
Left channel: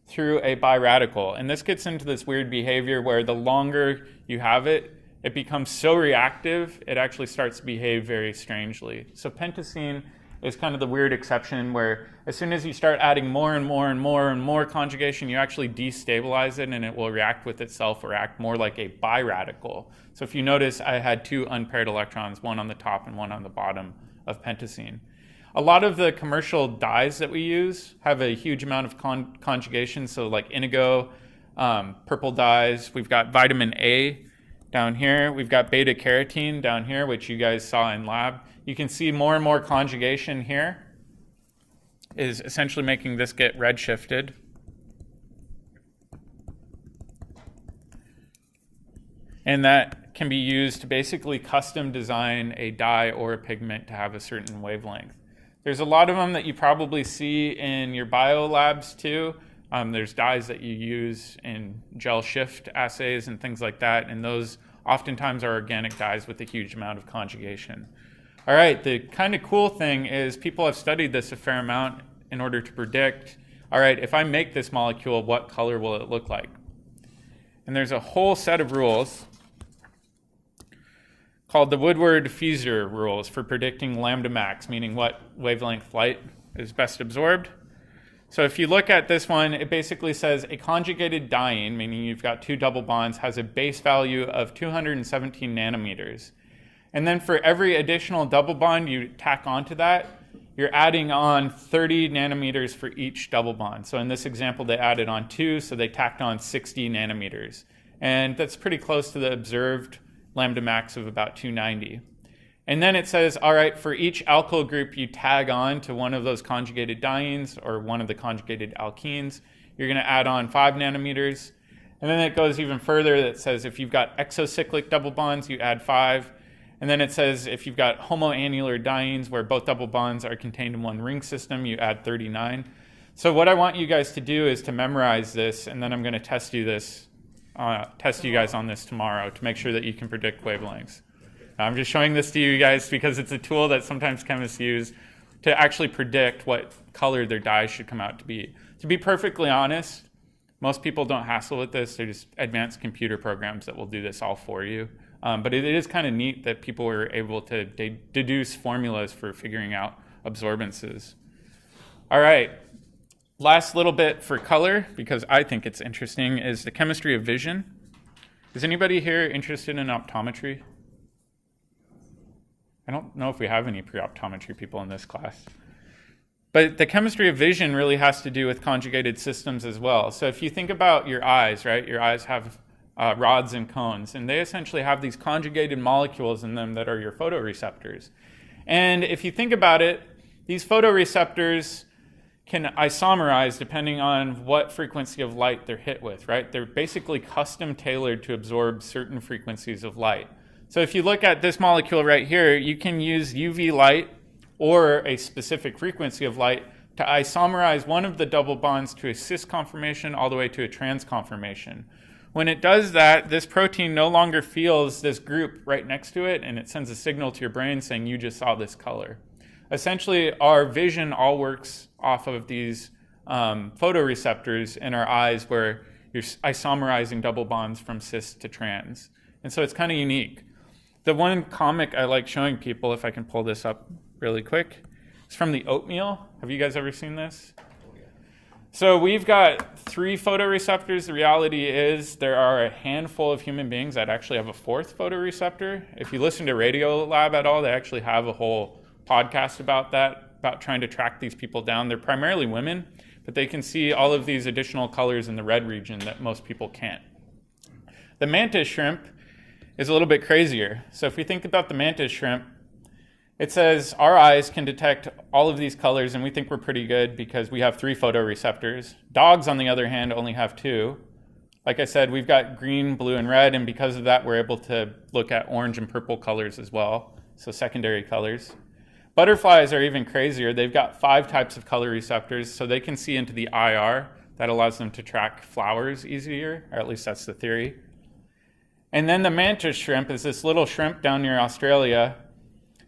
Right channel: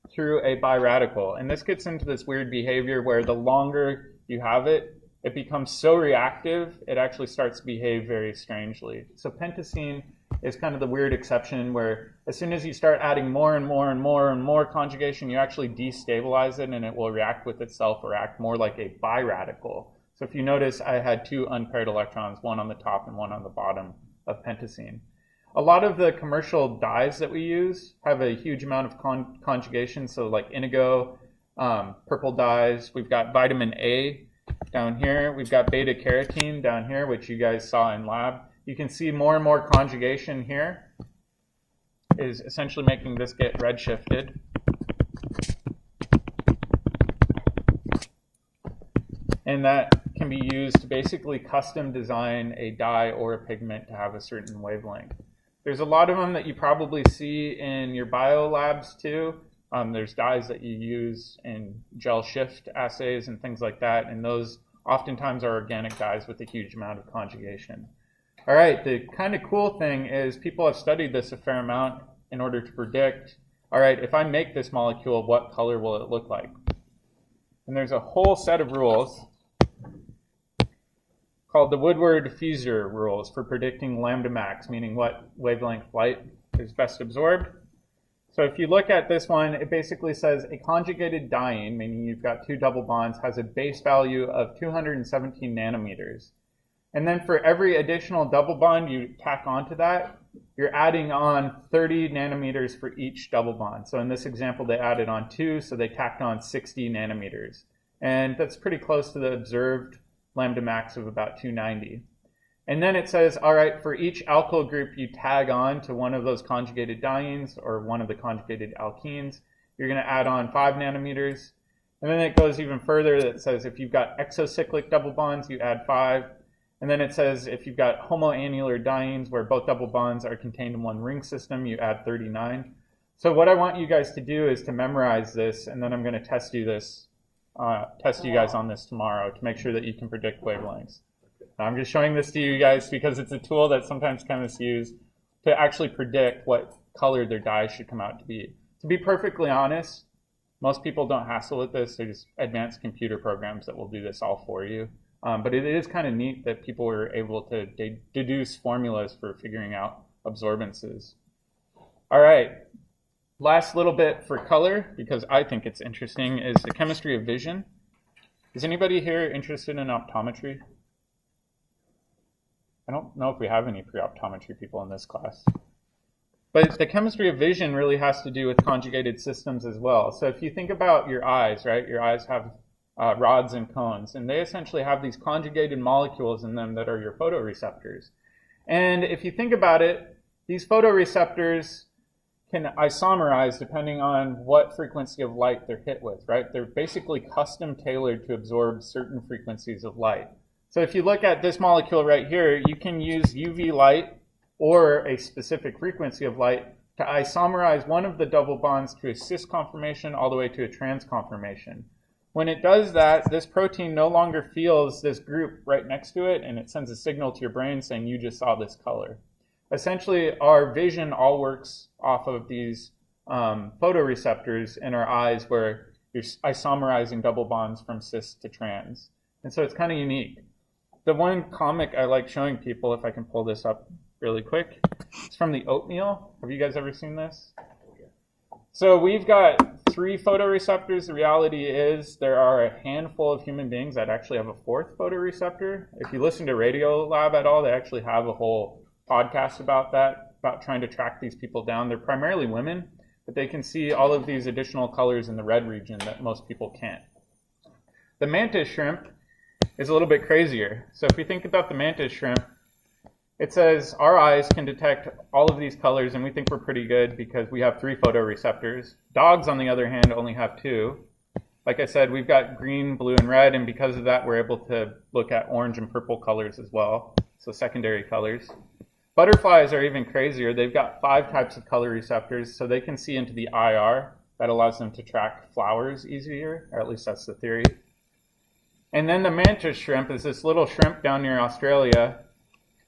through a biradical. And this gets into this weird behavior where the longer you have it, it becomes so reactive, it actually starts to behave very strangely. So pentacene is kind of the weird exception where as soon as you start adding more and more and more and more conjugation, you actually destabilize it and it will react with itself or act more like a biradical. So if you notice, I had two unpaired electrons, one on the top and one on the bottom of pentacene. A lot of the commercial dyes that we use have a huge amount of conjugation, so like indigo, purple dyes. We've got vitamin A down here. We've got beta carotene down here, which you guys saw in lab. You can see more and more conjugation here is essentially making this get redshifted. And that can be used to basically custom design a dye or a pigment to have a certain wavelength. There's a lot of them that you probably see in your bio labs too. There's dyes that you use in gel shift assays and things like that, and those oftentimes are organic dyes with a huge amount of conjugation. All right, the kind of cool thing is people have studied this a fair amount in order to predict, all right, if I make this molecule, what color will it look like? And there's a whole set of rules called the Woodward Fraser rules for predicting lambda max, meaning what wavelength light is best absorbed. So if you look at this one, it basically says a conjugated diene, meaning you've got two double bonds, has a base value of 217 nanometers. And then for every additional double bond you tack onto that, you're adding on 30 nanometers for each double bond. So in this example, they added on 2, so they tacked on 60 nanometers. And that's pretty close to the observed lambda max of about 290. And then it says, all right, for each alkyl group you tag on to one of those conjugated dienes or one of the conjugated alkenes, you're going to add on 5 nanometers. And then it goes even further. That says if you've got exocyclic double bonds, you add 5. And then it says if you've got homoannular dienes where both double bonds are contained in one ring system, you add 39. So what I want you guys to do is to memorize this, and then I'm going to test you guys on this tomorrow to make sure that you can predict wavelengths. I'm just showing this to you guys because it's a tool that sometimes chemists use to actually predict what color their dyes should come out to be. To be perfectly honest, most people don't hassle with this. They're just advanced computer programs that will do this all for you. But it is kind of neat that people were able to deduce formulas for figuring out absorbances. All right, last little bit for color, because I think it's interesting, is the chemistry of vision. Is anybody here interested in optometry? I don't know if we have any pre-optometry people in this class. But the chemistry of vision really has to do with conjugated systems as well. So if you think about your eyes, right? Your eyes have rods and cones, and they essentially have these conjugated molecules in them that are your photoreceptors. And if you think about it, these photoreceptors can isomerize depending on what frequency of light they're hit with, right? They're basically custom tailored to absorb certain frequencies of light. So if you look at this molecule right here, you can use UV light or a specific frequency of light to isomerize one of the double bonds to a cis conformation all the way to a trans conformation. When it does that, this protein no longer feels this group right next to it, and it sends a signal to your brain saying you just saw this color. Essentially, our vision all works off of these photoreceptors in our eyes where you're isomerizing double bonds from cis to trans. And so it's kind of unique. The one comic I like showing people, if I can pull this up really quick, it's from the oatmeal. Have you guys ever seen this? So we've got 3 photoreceptors. The reality is there are a handful of human beings that actually have a 4th photoreceptor. If you listen to Radiolab at all, they actually have a whole podcast about that, about trying to track these people down. They're primarily women, but they can see all of these additional colors in the red region that most people can't. The mantis shrimp is a little bit crazier. So if you think about the mantis shrimp, it says our eyes can detect all of these colors, and we think we're pretty good because we have 3 photoreceptors. Dogs, on the other hand, only have 2. Like I said, we've got green, blue, and red, and because of that, we're able to look at orange and purple colors as well, so secondary colors. Butterflies are even crazier. They've got 5 types of color receptors, so they can see into the IR. That allows them to track flowers easier, or at least that's the theory. And then the mantis shrimp is this little shrimp down near Australia.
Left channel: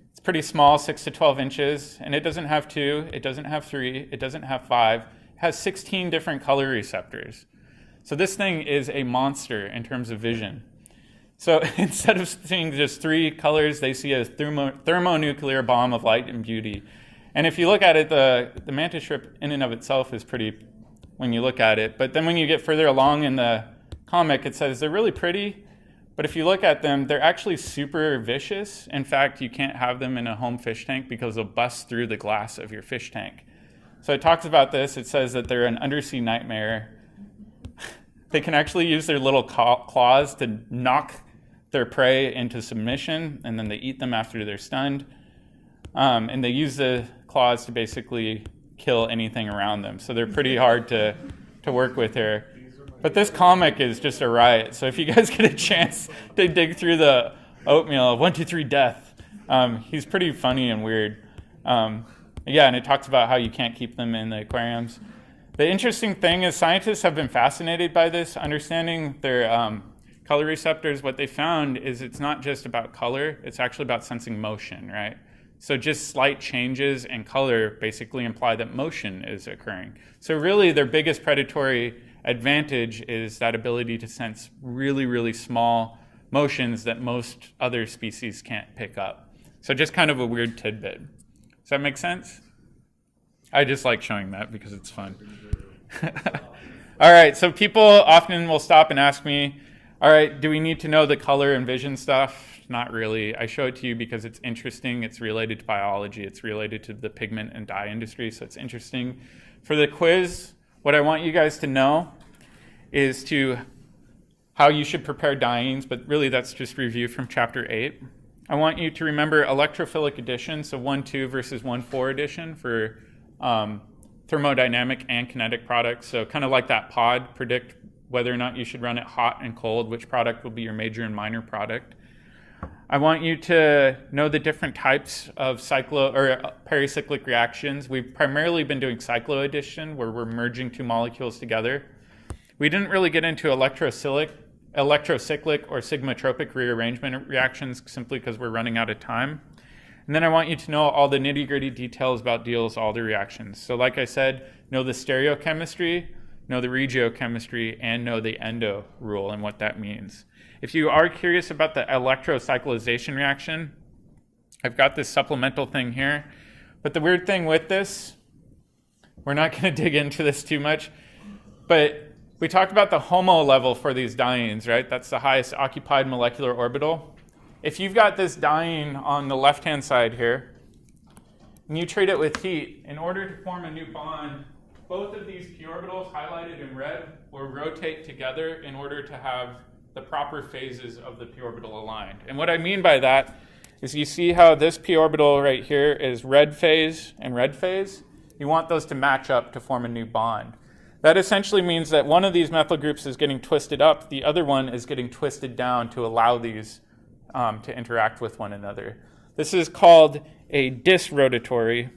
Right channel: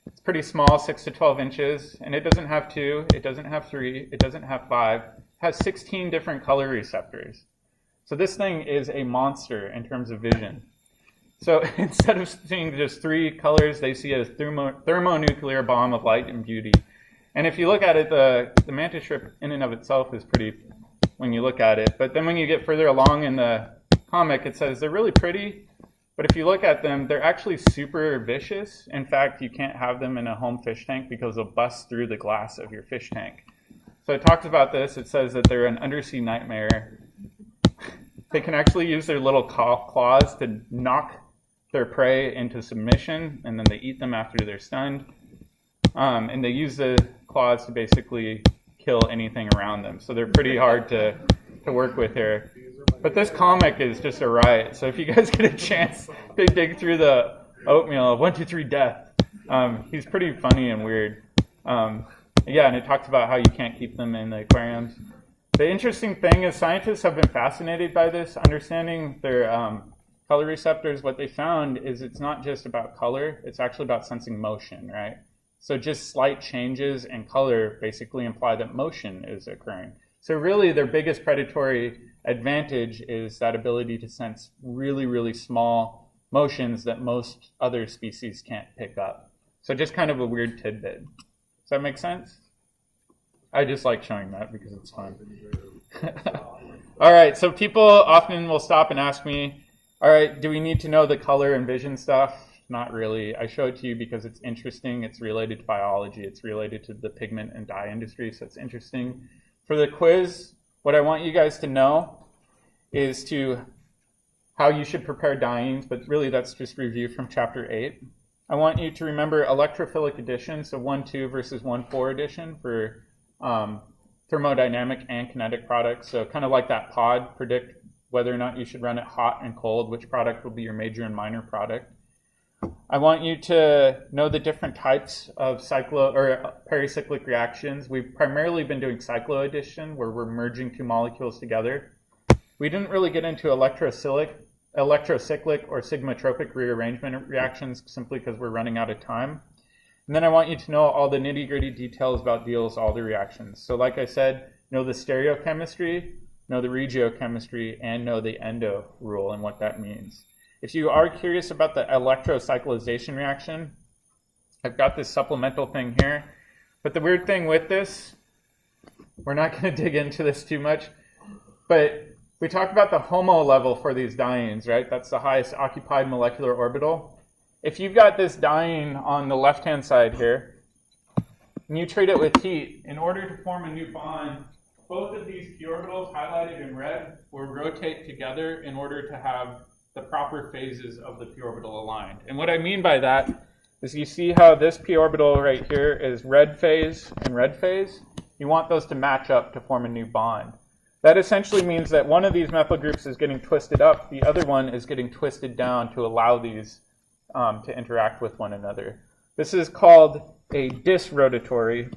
It's pretty small, 6 to 12 inches, and it doesn't have 2, it doesn't have 3, it doesn't have 5. It has 16 different color receptors. So this thing is a monster in terms of vision. So instead of seeing just 3 colors, they see a thermonuclear bomb of light and beauty. And if you look at it, the mantis shrimp in and of itself is pretty when you look at it. But then when you get further along in the comic, it says they're really pretty. But if you look at them, they're actually super vicious. In fact, you can't have them in a home fish tank because they'll bust through the glass of your fish tank. So it talks about this. It says that they're an undersea nightmare. They can actually use their little claws to knock their prey into submission, and then they eat them after they're stunned. And they use the claws to basically kill anything around them. So they're pretty hard to work with here. But this comic is just a riot. So if you guys get a chance to dig through the oatmeal of 1, 2, 3 death, he's pretty funny and weird. Yeah, and it talks about how you can't keep them in the aquariums. The interesting thing is scientists have been fascinated by this, understanding their color receptors. What they found is it's not just about color, it's actually about sensing motion, right? So just slight changes in color basically imply that motion is occurring. So really their biggest predatory advantage is that ability to sense really, really small motions that most other species can't pick up. So just kind of a weird tidbit. Does that make sense? I just like showing that because it's fun. All right, so people often will stop and ask me, all right, do we need to know the color and vision stuff? Not really. I show it to you because it's interesting. It's related to biology. It's related to the pigment and dye industry, so it's interesting. For the quiz, what I want you guys to know is how you should prepare dyings, but really that's just review from chapter 8. I want you to remember electrophilic addition, so 1,2 versus 1,4 addition for thermodynamic and kinetic products. So kind of like that pod, predict whether or not you should run it hot and cold, which product will be your major and minor product. I want you to know the different types of pericyclic reactions. We've primarily been doing cycloaddition, where we're merging two molecules together. We didn't really get into electrocyclic or sigmatropic rearrangement reactions simply because we're running out of time. And then I want you to know all the nitty-gritty details about Diels Alder reactions. So like I said, know the stereochemistry, know the regiochemistry, and know the endo rule and what that means. If you are curious about the electrocyclization reaction, I've got this supplemental thing here. But the weird thing with this, we're not going to dig into this too much, but we talked about the HOMO level for these dienes, right? That's the highest occupied molecular orbital. If you've got this diene on the left-hand side here, and you treat it with heat, in order to form a new bond, both of these p orbitals highlighted in red will rotate together in order to have the proper phases of the p orbital aligned. And what I mean by that is you see how this p orbital right here is red phase and red phase? You want those to match up to form a new bond. That essentially means that one of these methyl groups is getting twisted up, the other one is getting twisted down to allow these to interact with one another. This is called a conrotatory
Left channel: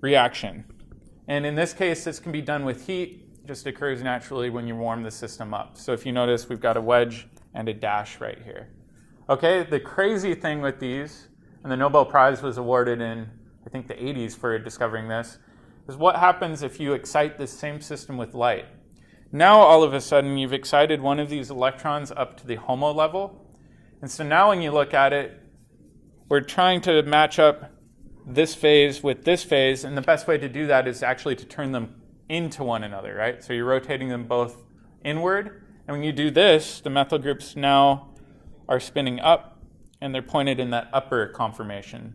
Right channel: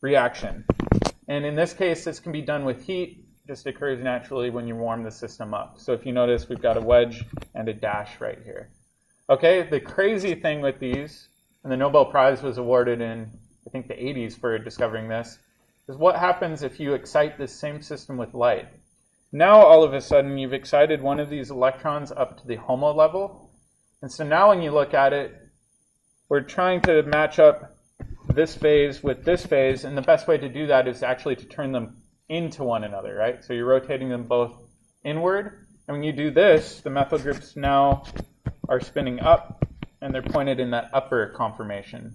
reaction. And in this case, this can be done with heat. It just occurs naturally when you warm the system up. So if you notice, we've got a wedge and a dash right here. Okay, the crazy thing with these, and the Nobel Prize was awarded in, I think, the 80s for discovering this, is what happens if you excite this same system with light. Now, all of a sudden, you've excited one of these electrons up to the HOMO level. And so now when you look at it, we're trying to match up this phase with this phase, and the best way to do that is actually to turn them into one another, right? So you're rotating them both inward, and when you do this, the methyl groups now are spinning up, and they're pointed in that upper conformation.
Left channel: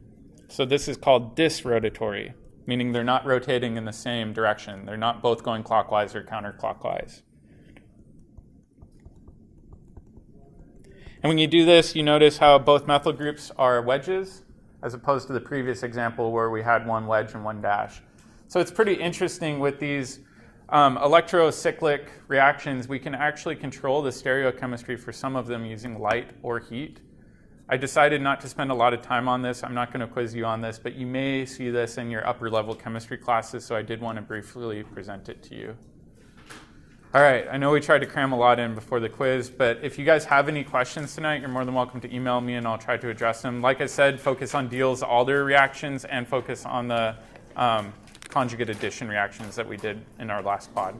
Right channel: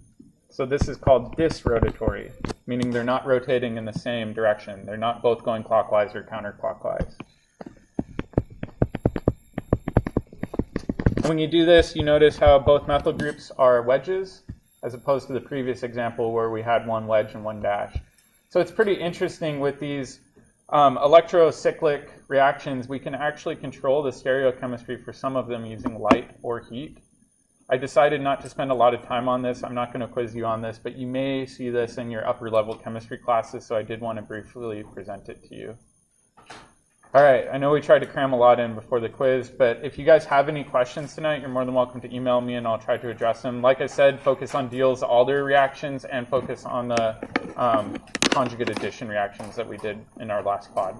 So this is called disrotatory, meaning they're not rotating in the same direction. They're not both going clockwise or counterclockwise. And when you do this, you notice how both methyl groups are wedges, as opposed to the previous example where we had one wedge and one dash. So it's pretty interesting with these electrocyclic reactions. We can actually control the stereochemistry for some of them using light or heat. I decided not to spend a lot of time on this. I'm not going to quiz you on this, but you may see this in your upper level chemistry classes, so I did want to briefly present it to you. All right, I know we tried to cram a lot in before the quiz, but if you guys have any questions tonight, you're more than welcome to email me and I'll try to address them. Like I said, focus on Diels Alder reactions and focus on the conjugate addition reactions that we did in our last pod.